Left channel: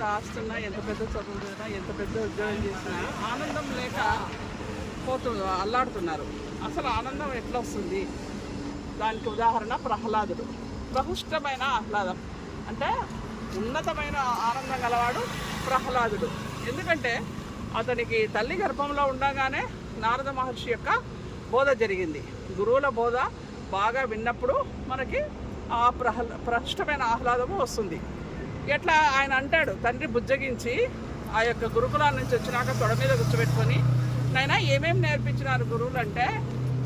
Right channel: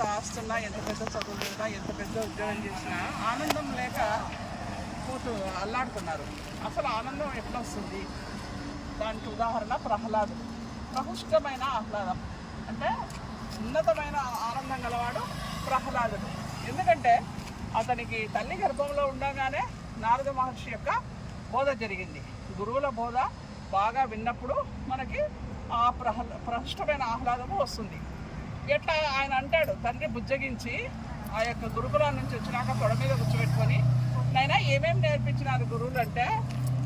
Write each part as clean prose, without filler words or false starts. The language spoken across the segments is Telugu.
ఎంత ఆస్తున్నా, ఎంత పెద్ద చదువు చేసినా, ఎంత పెద్ద ఉద్యోగం చేసినా ఆనందం లేక అల్లాడుతున్నారు. అసలు ఆనందం ఎట్లా వస్తుంది? దానికి ఉదాహరణ ప్రహ్లాదుడు. ప్రహుష్టమైన ఆహ్లాదం అంటే ఉన్నతమైన ఆనందం గలవాడు ప్రహ్లాదుడు. ఎందుకంటే అతనికి తల్లి గర్భంలో ఉండగానే నారద మహర్షి యొక్క బోధ జరిగింది. గురువుల బోధ బాగా విన్నప్పుడు మనకి ఆ ప్రహుష్టమైన ఆహ్లాదము వస్తుంది. ఎట్లా ఆయన అంటాడు, తండ్రి బుజ్జగించి ఆ యొక్క గురుకులాల నుంచి వచ్చినాక తొడ మీద కూర్చోబెట్టుకొని, నైనా ఏమేమి నేర్పించినారు గురువులు అంటే,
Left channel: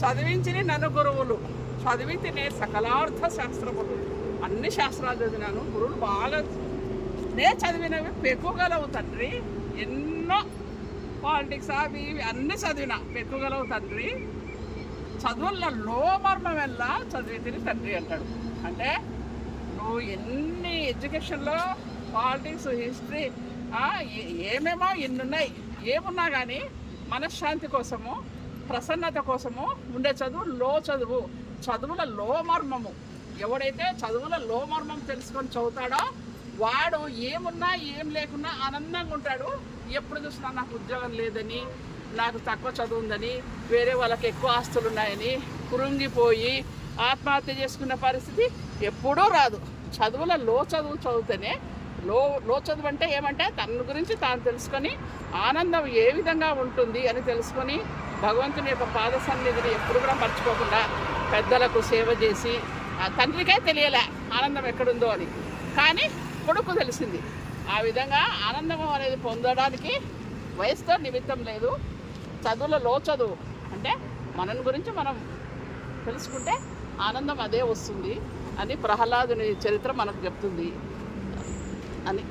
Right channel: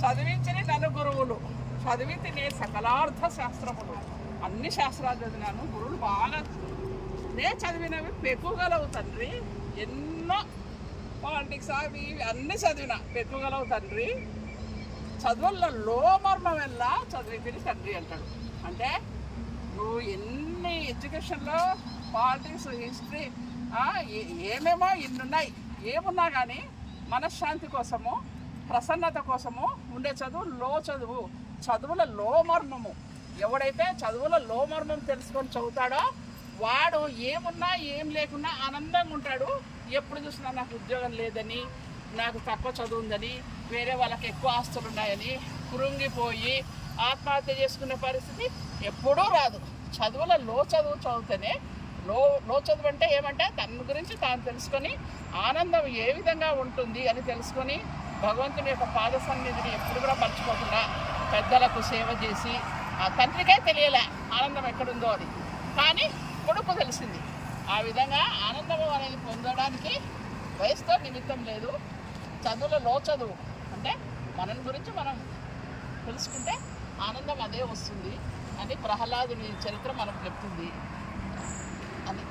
చదివించి నన్ను గురువులు, చదివితే నేను సకలార్థ శాస్త్రములు, అన్ని శాస్త్రాలు చదివినాను, గురువులు బాగా నేను చదివినవి పెక్కుగలవు తండ్రి, ఎన్నో పాలిటిక్స్ అవి అన్నీ చదివిన పెక్కుగలవు తండ్రి, చదువులలో మర్మం వెళ్ళా చదివింది తండ్రి అంటాడు. అంటే నువ్వు ఎన్ని ఎడ్యుకేషన్లో పాలిటిక్స్, హిస్టరీ ఏమేమో ఇన్నున్నాయి, ఏమున్నా కానీ మనశ్శాంతి కోసము, ప్రసన్నత కోసము ఉండే చదువు, చదువుల లోమర్మము. ఎవడైతే చదువుల లోమర్మం తెలుసుకొని చదువుతాడో వాడు ఏమున్నా ఏం లేకున్నా ఆనందంగా ఉంటాడు. ఎప్పుడు చూసినా నాకు ఉద్యోగం లేదని, నాకు తక్కువ చదువు ఉందని, వేరే వాళ్ళకి ఎక్కువ ఆస్తులు ఉన్నాయని కురుంగిపోయి ఆత్మహత్య చేసుకునే పరిస్థితి ఎప్పుడూ రాదు. చదువుల చదువుతేనే లో చదువు అంటే ఏమంటే తన గురించి తాను తెలుసుకొని ఆనందం ఏ విధంగా ఉంటుంది అని తెలుసుకొని భగవంతుని యొక్క పాద సన్నిధిని ఎప్పుడు కూడా మర్చిపోకుండా పెద్దలకు సేవ చేసి, ఆ తండ్రికై తెలియలే ఆనందం ఎక్కడుందో అని, కానీ కొడుకు తెలిసింది. ఆ విధంగా ఆనందము అనేది పొందడానికి వయసుతో నిమిత్తం లేదు. చదువులో చదువు అంటే మన గురించి మనం తెలుసుకుంటే ఆనందం అదే వస్తుంది అని ప్రహ్లాదుని చరిత్ర మనకు చెప్తుంది అని